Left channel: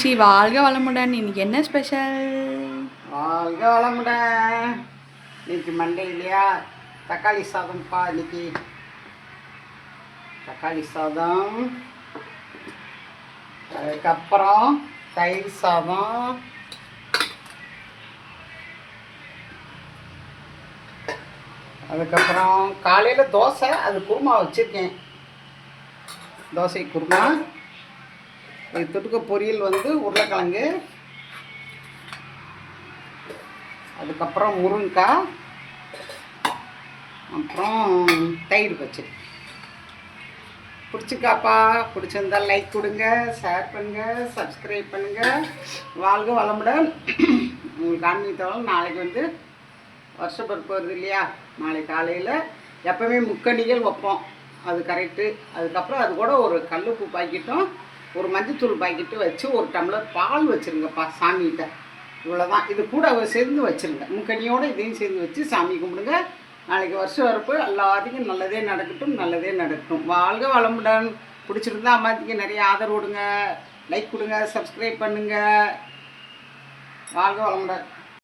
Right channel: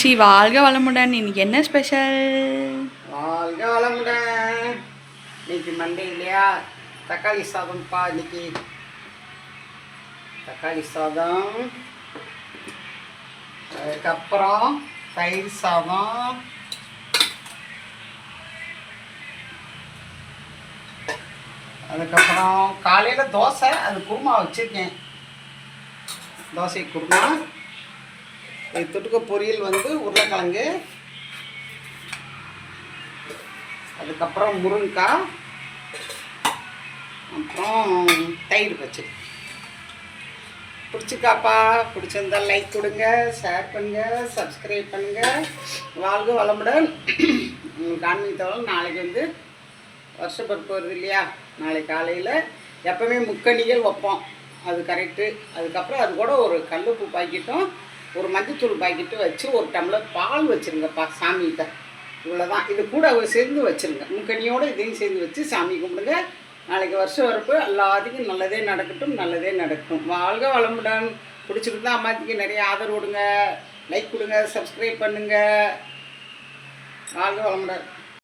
அம்மாச்சி வாழ்க வளமுடன். இன்னைக்கு என்ன ஸ்பெஷல்? வாழ்க வளமுடன். இன்னைக்கு மண்டே இல்லையா, தக்காளி சாதம்ப்பா. இன்னைக்கு தக்காளி சாதம், அதுக்கப்புறம் தயிர் சாதம், அதுக்கப்புறம் காலையில் தோசை, அது குருமா வச்சுருக்கேன். தோசை குருமா, இது தொட்டுக்க பொரியல் உருளைக்கிழங்கு, அதுக்கப்புறம் முருங்கைக்காய், அப்புறம் தயிர் பச்சடி. பிடிச்சிருக்காப்பா? பிடிச்சிருந்தால் லைக் கொடுங்க, ஷேர் பண்ணுங்கள், சப்ஸ்கிரைப் பண்ணுங்கள். வாழ்க வளமுடன். உங்களுக்கு ஆன்மீகத்தவள் நாளைக்கு வருஷப்பிறப்பு வருது இல்லையா, நாளைக்கு காலையில் எப்போவுமே முக்கணிகள் வைப்போம், அது கரெக்டு. அதுக்கப்புறம் அது கூட ஒரு கல்லுப்பு பாக்கெட்டும் ஒரு மஞ்சத்தூள் பாக்கெட்டும் வச்சு ஒரு டம்ளர் பால் வச்சுருங்கப்பா சாமிகிட்ட. இவ்வளோதான். இது கூட சேர்ந்து வச்சுருங்க, முக்கணியோடு இதையும் சேர்ந்து வச்சு சாமி கும்பிடுங்க. நாளைக்கு வருஷம் வரப்பு எல்லாத்துக்கும் நல்லதே நடக்கட்டும், நல்லதே நடக்கட்டும். வாழ்க வளமுடன். பிடிச்சிருந்தா அம்மாத்துக்கு நிறைய ஆதரவு கொடுங்க, லைக் கொடுங்க, சப்ஸ்கிரைப் பண்ணுங்கள். வாழ்க வளமுடன்.